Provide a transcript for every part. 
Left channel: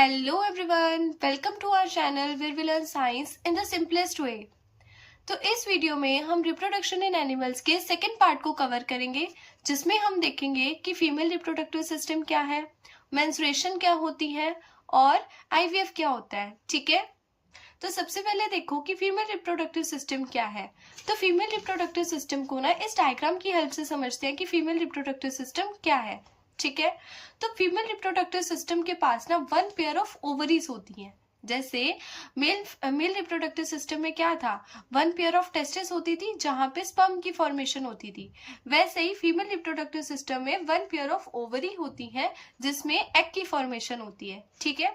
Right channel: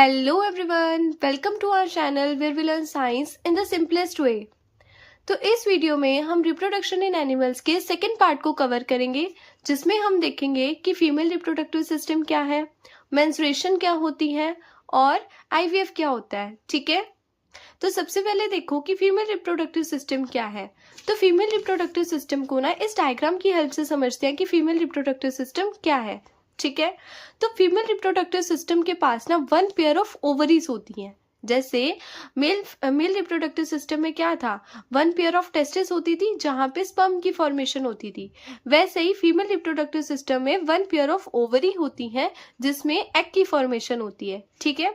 Hello everyone, welcome to our channel where we learn science in the simplest way. तो इस video में हम reproduction in animals के second part को cover करेंगे, जिसमें हम देखेंगे कि फीमेल रिप्रोडक्टिव सिस्टम क्या है, मेंस्ट्रुएशन क्या होती है और आईवीएफ क्या होता है। ठीक है, तो सबसे पहले देखो कि फीमेल रिप्रोडक्टिव सिस्टम क्या है। तो फीमेल रिप्रोडक्टिव सिस्टम को ना इस डायग्राम की हेल्प से समझते हैं कि फीमेल रिप्रोडक्टिव सिस्टम क्या है। ठीक है, तो फीमेल रिप्रोडक्टिव सिस्टम के पास ना वन पेयर ऑफ ओवरीज होती हैं। जैसे मेल रिप्रोडक्टिव सिस्टम में क्या था, वन पेयर ऑफ टेस्टिस होती थी जहां पे स्पर्म की फॉर्मेशन होती थी। वैसे ही फीमेल रिप्रोडक्टिव सिस्टम में वन पेयर ऑफ ओवरी होती हैं जिसमें एग की फॉर्मेशन होती है। ठीक है,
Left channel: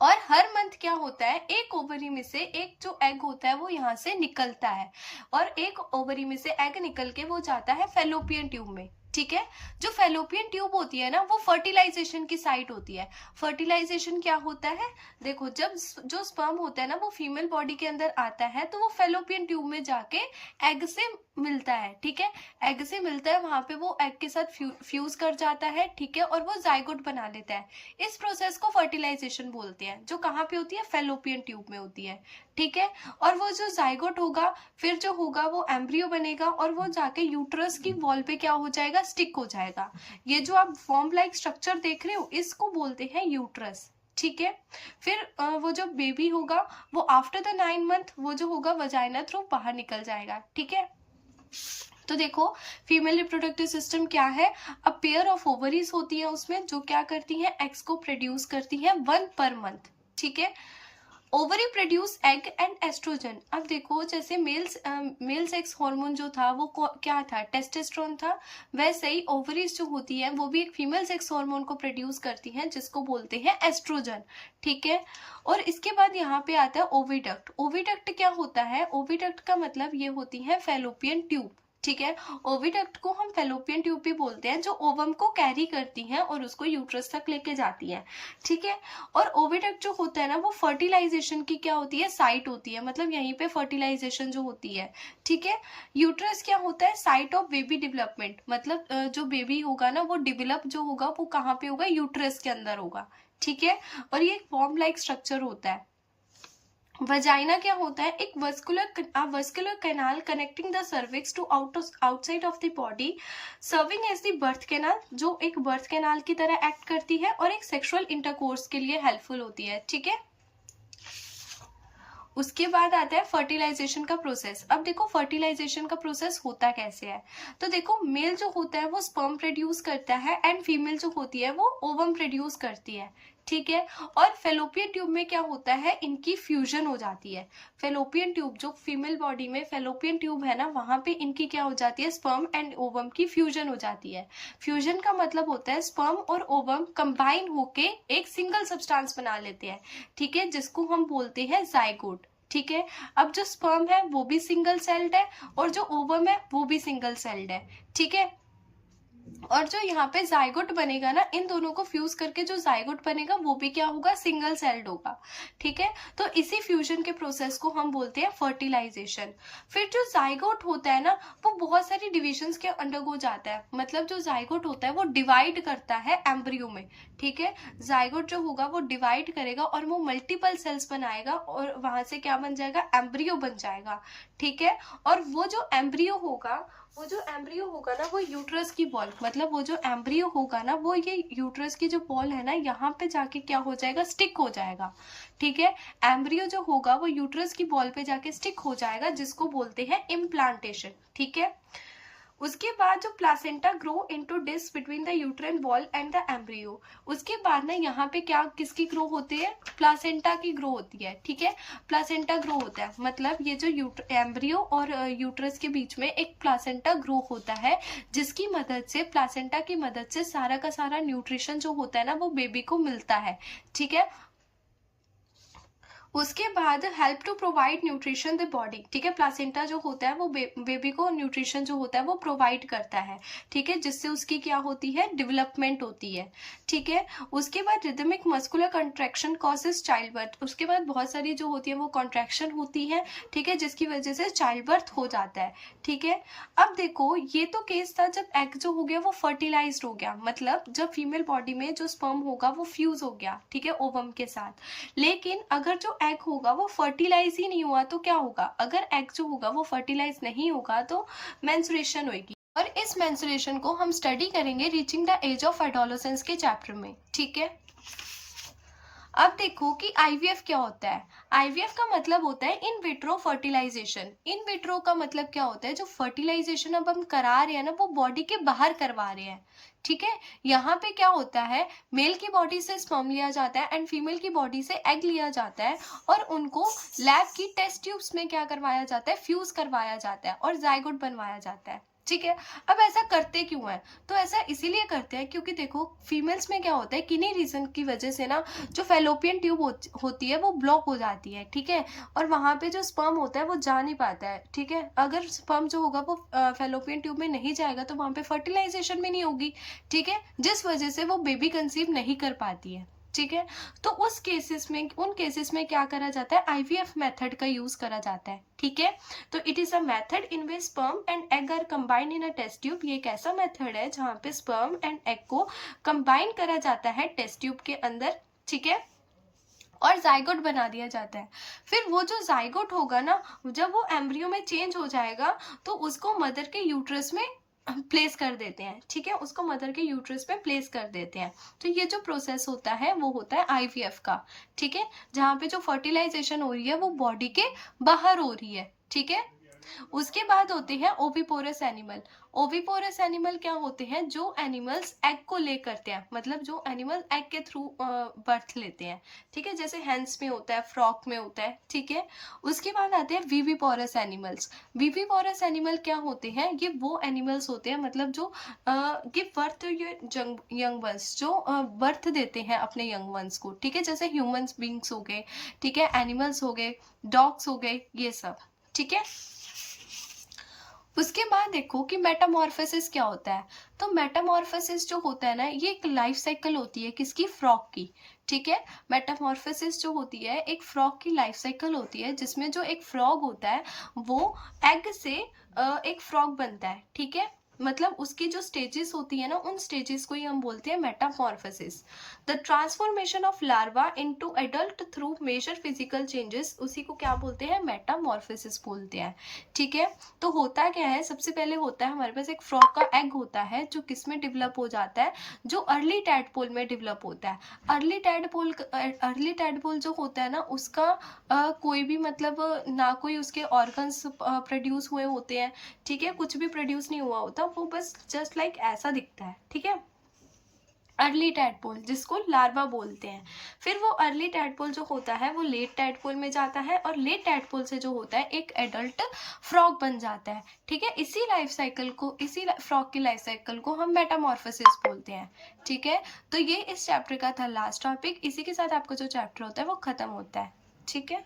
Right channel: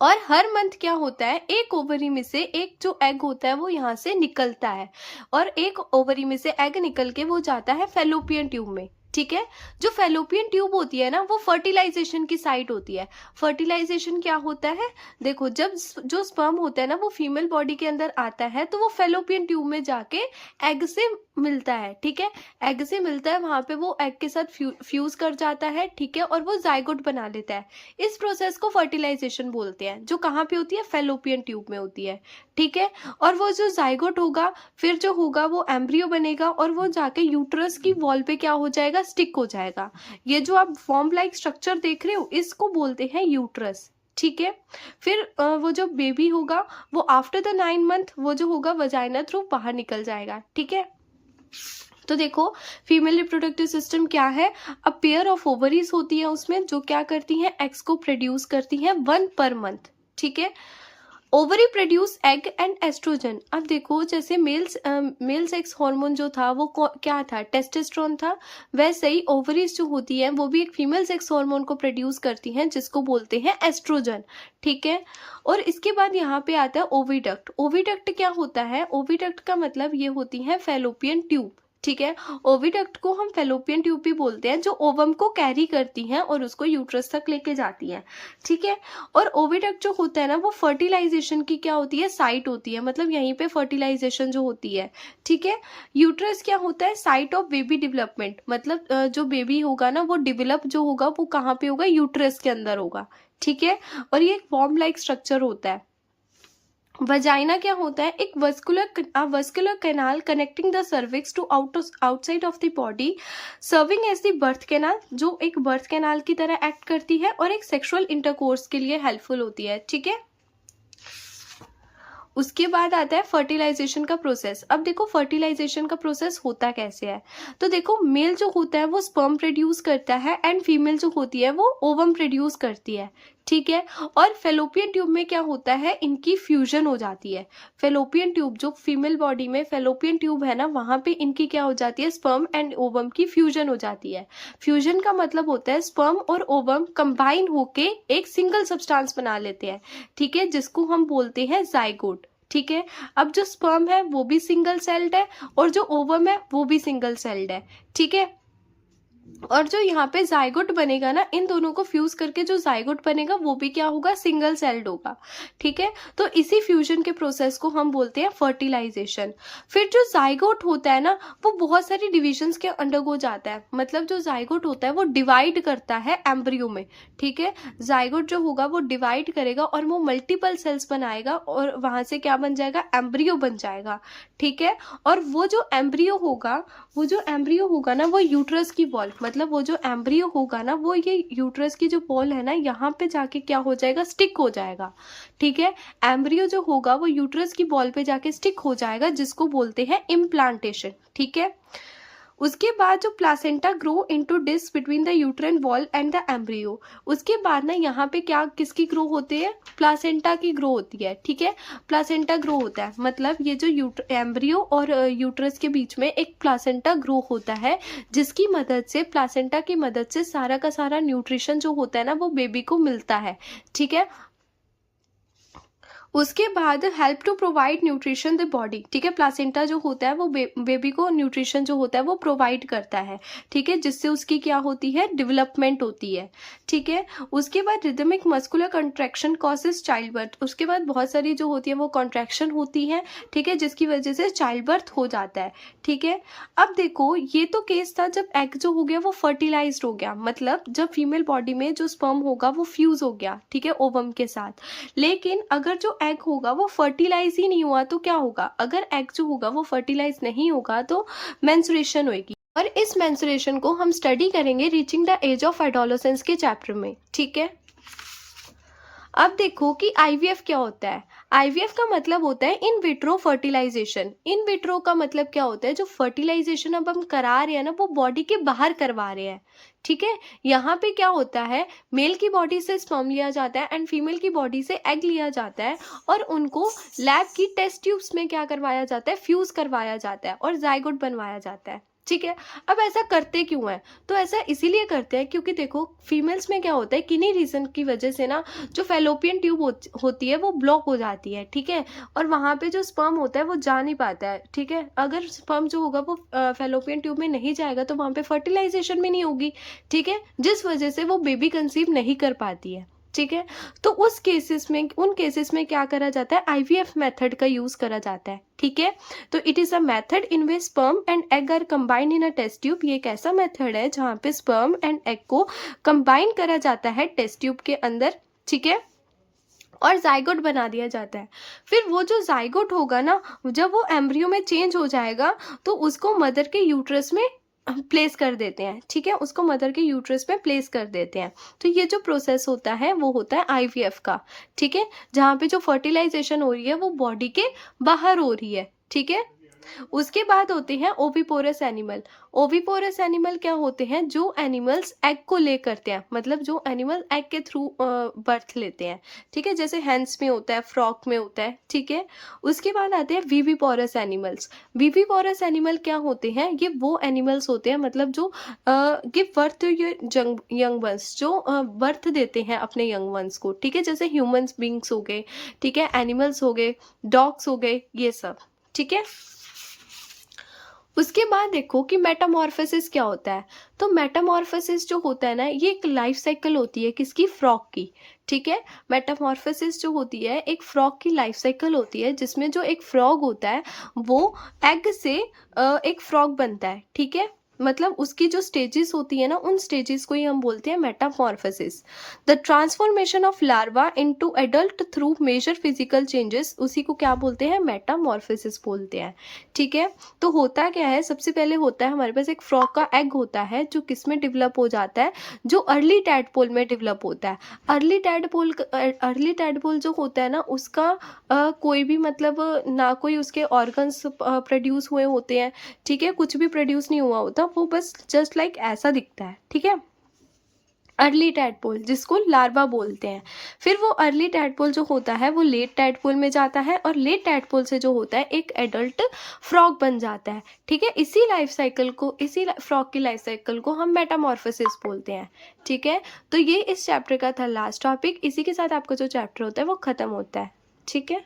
और हर मंथ क्या होता है, एक ओवरी में से एक जो एग होता है वो यहाँ से निकलता है और एक ओवरी में से एग निकल के वो जाता है फेलोपियन ट्यूब में। ठीक है, जो फेलोपियन ट्यूब होती है ना वो फर्टिलाइजेशन की साइट होती है। फर्टिलाइजेशन क्या होता है, देखो जब जो स्पर्म होता है ना वो फीमेल बॉडी के अंदर आता है तो वो फेलोपियन ट्यूब में जाके एग से मिलता है। ठीक है, एग से मिलता है, वहां पे वो एग के साथ फ्यूज कर जाता है। ठीक है, और वो जाइगोट बना लेता है। इस प्रोसेस को फर्टिलाइजेशन बोलते हैं, जो कहाँ पे होती है, फेलोपियन ट्यूब में होती है। ठीक है, और वो जो जाइगोट होगा फिर जो होगा वो एम्ब्रियो बनेगा और वो जाके यूट्रस की वॉल पे क्या हो जाएगा, स्टिक हो जाएगा। ये जो आप फॉर्म लाइक स्ट्रक्चर देख रहे हो इसको बोलते हैं यूट्रस। ठीक है, फिर वो जो बेबी होगा वो आफ्टर द 9 मंथ वो जो होगा वजाइना थ्रू बाहर निकल जाएगा। ठीक है, तो देखो फीमेल रिप्रोडक्टिव सिस्टम क्या है, अ पेयर ऑफ ओवरीज होती है उसमें जो क्या करती हैं, एग्स को प्रोड्यूस करती हैं 1 पर मंथ। ठीक है, ovary produce egg and estrogen. अब देखो जैसे मेल सेक्स हार्मोन जो था वो क्या था, टेस्टोस्टेरोन था। वैसे ही ओवरीज जो होती है वो भी एक फीमेल सेक्स हार्मोन को प्रोड्यूस करती हैं जिसको बोलते हैं एस्ट्रोजन। ठीक है, और इसके बाद यहाँ पे आता है ओविडक्ट। ओविडक्ट क्या होता है, ओविडक्ट का मतलब ये होती है फेलोपियन ट्यूब। ठीक है, ओविडक्ट को हम फेलोपियन ट्यूब भी बोलते हैं, जो ओवम को कैरी करती हैं और उसको यूट्रस तक लेके जाती हैं। ठीक है, और ओविडक्ट जो होता है ना वो फर्टिलाइजेशन की क्या होती है, साइट होती है, मतलब यहीं पे फर्टिलाइजेशन जो होती है। ठीक है, यूट्रस क्या होता है, साइट ऑफ बेबी डेवलपमेंट, मतलब जो बेबी होगा ना वो डेवलप जो होगा वो कहाँ पे होगा, यूट्रस के अंदर होगा। ठीक है, और ये एक फॉर्म लाइक स्ट्रक्चर होता है। वजाइना क्या होता है, एक vascular canal connecting the cervix to outside of the body, serving as the birth canal, जो एक बर्थ कैनाल की तरह एक्ट करती है और एक सेक्सुअल इंटरकोर्स के लिए हेल्पफुल होती है। ठीक है, उसके बाद आता है फर्टिलाइजेशन का प्रोसेस। अब देखो फर्टिलाइजेशन का प्रोसेस होता कैसे है, तो देखो मेल जो होता है वो स्पर्म प्रोड्यूस करता है एंड फीमेल जो होती है वो ओवम प्रोड्यूस करती है। ठीक है, और फेलोपियन ट्यूब में क्या होता है, इनकी फ्यूजन हो जाती है। फेलोपियन ट्यूब जो फीमेल बॉडी में फेलोपियन ट्यूब है ना वहां पे इनकी क्या हो जाती है, स्पर्म एंड ओवम की फ्यूजन हो जाती है। फ्यूजन का मतलब होता है स्पर्म और ओवम कंबाइन होके एक सिंगल सब्सटेंस बना लेते हैं। ठीक है, जिसको हम बोलते हैं जाइगोट। ठीक है, अब जो स्पर्म है वो भी सिंगल सेल्ड है और जो ओवम है वो भी सिंगल सेल्ड है। ठीक है, और जो यहाँ पे जाइगोट बनेगा ना, इन दोनों को फ्यूज करके जो जाइगोट बनेगा वो भी क्या होगा, सिंगल सेल्ड होगा। ठीक है, तो इसी फ्यूजन के प्रोसेस को हम बोलते हैं फर्टिलाइजेशन। फिर जो जाइगोट होता है ना वो बहुत सारी डिविजन्स के अंडरगो जाता है, मतलब जो जाइगोट होता है वो डिवाइड करता है एम्ब्रियो में। ठीक है, जाइगोट जो होगा वो डिवाइड करेगा और वो मल्टीपल सेल्स बनाएगा और वहां से क्या बन जाएगा, एम्ब्रियो बन जाएगा। ठीक है, और वो जो एम्ब्रियो होगा ना वो यूट्रस की वॉल, मतलब वो जो एम्ब्रियो होगा ना वो ये यूट्रस की जो वॉल है ना यहाँ पे जाके क्या हो जाएगा, स्टिक हो जाएगा। ठीक है, एम्ब्रियो जो होगा वो यूट्रस की वॉल पे जाके स्टिक हो जाएगा, जिसको बोलते हैं इम्प्लांटेशन। ठीक है, उसके बाद जो placenta grow into disc between the uterine wall and the embryo. उसके बाद ना यहाँ पे क्या किसकी ग्रो होती है, प्लासेंटा की ग्रो होती है। ठीक है, प्लासेंटा ग्रो होता है, मतलब ये जो एम्ब्रियो और यूट्रस के बीच में एक प्लासेंटा ग्रो होता है, जिसकी मदद से, प्लासेंटा की मदद से सारा का सारा न्यूट्रिशन जो होता है ना वो बेबी को मिलता है। ठीक है, उसके बाद help to provide nutrition the body, ठीक है। प्लासेंटा जो होता है वो बेबी को न्यूट्रिशन जो होता है वो प्रोवाइड करता है, ठीक है, जिससे उसकी क्या होती है, डेवलपमेंट होती है, ठीक है। उसके बाद rhythmic muscular contraction causes child birth, उसके बाद बहुत सारी जो होती है वो कॉन्ट्रैक्शन होती है, ठीक है, जिसकी वजह से चाइल्ड बर्थ हो जाता है, ठीक है। अब देखो ये तो केस था जब एग जो हो गया वो फर्टिलाइज्ड हो गया, मतलब जब फीमेल बॉडी में जो स्पर्म होगा वो फ्यूज हो गया, ठीक है, ओवम के साथ। लेकिन अगर जो एग होगा वो फर्टिलाइज ही नहीं हुआ तो क्या होगा, अगर एग जो होगा वो फर्टिलाइज नहीं होगा तो मेंस्ट्रुएशन होगी, और इस मेंस्ट्रुएशन को हम स्टडी करेंगे reaching the age of adolescence के चैप्टर में, ठीक है। अब देखो कि आईवीएफ क्या होता है। आईवीएफ का मतलब होता है in vitro fertilisation. In vitro का मतलब क्या होता है, जो फर्टिलाइजेशन अब हम करा रहे हैं ना वो बॉडी के बाहर करवा रहे हैं, ठीक है। यहाँ पे क्या होता है, मेल की बॉडी से स्पर्म लिया जाता है एंड फीमेल की बॉडी से एग लिया जाता है, और उनको लैब की टेस्ट ट्यूब्स में क्या करवाया जाता है, फ्यूज करवाया जाता है और जाइगोट बनवाया जाता है, ठीक है। अब ऐसा करते क्यों है, तो ऐसा इसीलिए करते हैं क्योंकि देखो फीमेल्स में क्या होता है, किन्हीं रीजन की वजह से ना जो फैलोपियन ट्यूब होती है वो ब्लॉक हो जाती है, ठीक है, और वहां पे जो स्पर्म होता है वो जा नहीं पाता है, ठीक है। अगर स्पर्म जो होगा वो फैलोपियन ट्यूब में नहीं जाएगा तो वहां पे फर्टिलाइजेशन भी नहीं होगी, ठीक है, जिस वजह से वो बेबी कंसीव नहीं कर पाती है, ठीक है। तो उस केसेस में, उन केसेस में क्या करा जाता है, आईवीएफ मेथड का यूज करा जाता है, ठीक है। तो it is a method in which sperm and egg are combined in a test tube. ये एक ऐसा मेथड है जहाँ पे स्पर्म एंड एग को कंबाइन करा जाता है टेस्ट ट्यूब के अंदर, ठीक है, और जाइगोट बना दिया जाता है। फिर वो जो जाइगोट होगा ना, जब वो एम्ब्रियो में चेंज हो जाएगा तो उसको मदर के यूट्रस में प्लेस कर देते हैं, ठीक है, उसको मदर के यूट्रस में प्लेस कर देते हैं। तो ये जो प्रोसेस होता है वो होता है आईवीएफ का, ठीक है, जहाँ पे जो फर्टिलाइजेशन हो रही है वो बॉडी के बाहर हो रही है, ठीक है। उसके बाद होते हैं ओविपोरस एनिमल। ओविपोरस एनिमल क्या होते हैं, जो एनिमल्स एग को ले करते हैं, मतलब जो एनिमल एग के थ्रू बर्थ लेते हैं, ठीक है, जैसे हेंस में होता है, फ्रॉक में होता है, ठीक है। उसके बाद आते हैं विविपोरस एनिमल्स। विविपोरस एनिमल क्या होते हैं, ये वो एनिमल्स होते हैं मतलब जो give birth to young ones, जो बर्थ देते हैं अपने यंग वंस को, ठीक है, जैसे ह्यूमंस बींग्स हो गए, ठीक है, एनिमल्स हो गए, डॉग्स हो गए, ये सब, ठीक है। उसके बाद देखो कि मेटामॉर्फोसिस क्या होता है। तो मेटामॉर्फोसिस जो होता है ना, ये एक लाइफ साइकिल होती है किसकी, फ्रॉग की, ठीक है। मेटामॉर्फोसिस जो होती है एक फ्रॉग की लाइफ साइकिल होती है, जिसमें जो एक फ्रॉग होता है वो एग से एक फ्रॉग बनता है, ठीक है। मतलब उसकी जो स्टेजेस होती है ना, उन स्टेजेस को ही हम बोलते हैं metamorphosis. The transformation of larva into adult through major physical changes, उसी को क्या बोलते हैं, मेटामॉर्फोसिस बोलते हैं, ठीक है। तो होता क्या है, सबसे पहले होता है हमारे पास एक फ्रॉग का एग होता है जो किस में डेवलप हो जाता है, जो अर्ली टैडपोल में डेवलप होता है। अर्ली टैडपोल जो होता है ना उसका कोई भी मतलब ना कोई उसके ऑर्गन्स प्रोड्यूस हुए होते हैं, ठीक है, कुछ भी प्रोड्यूस नहीं हुआ होता, वो बस जस्ट लाइक ऐसा दिखता है, ठीक है। अर्ली टैडपोल जिसको लार्वा बोलते हैं। फिर वो अर्ली टैडपोल जो होता है वो लेट टैडपोल में जाता है, और लेट टैडपोल से जो होता है एक एडल्ट फ्रॉग बन जाता है, ठीक है। इसी लाइफ साइकिल को, इसी फ्रॉग की लाइफ साइकिल को हम मेटामॉर्फोसिस बोलते हैं, ठीक है। तो ये इस चैप्टर का था लास्ट टॉपिक। इसी के साथ आपका जो चैप्टर होता है वो खत्म होता है, ठीक है।